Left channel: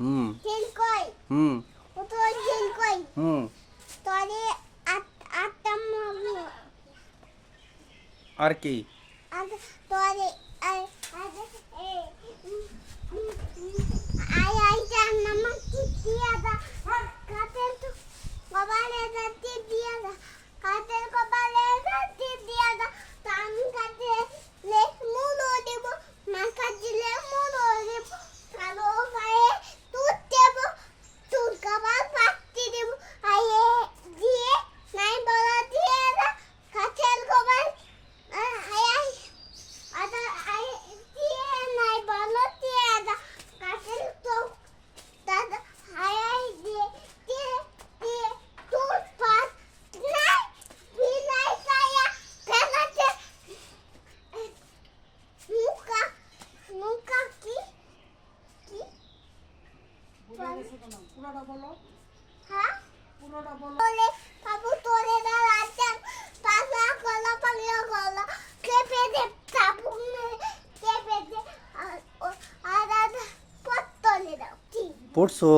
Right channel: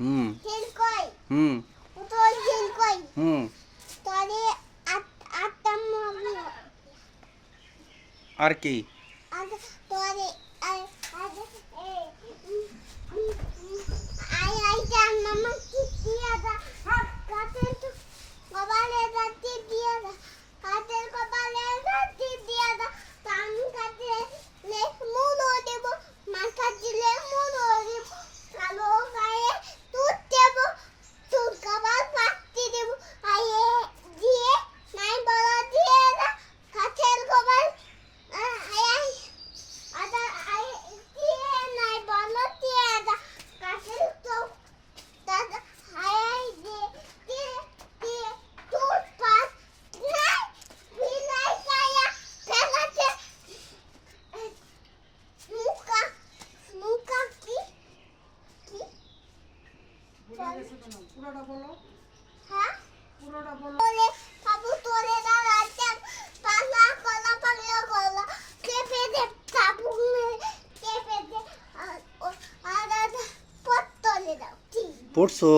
হুম jail কই হুম ও তো jail কই হুম তোরে আটটা মগি আর কি আর তোরে আই জান্নাম কি দিয়া দা কাতের তো কবালে রাতি দিয়া দা কাতের কবালে রাতি দিয়া দা কাম কাটে লে মুলো দেব মা কাটলে মুলো দেব কালো গায়ে দুধ দেব দুধ কবাল পাতি দেব আয়ে দিয়ে নাই বলা দিয়ে দা কাতের কবাল আয় আদা আয় দিয়ে নাই বলা দিয়ে দা কাতের তো দাদা আয় দিয়ে দিয়ে দুধ পাত নাই বিলাই পায়া ফেলাতে মুকা মুকা কি পুরোটা বলো হ্যাঁ পুরোটা বলো বলে বাবু তোরে দাঁড়াচ্ছেন পালা গলা পাগলা গলা কেঁপে দে চাবুক মেরে কেঁপে দে আর পত্তলে দাও ঠিক পড়ছো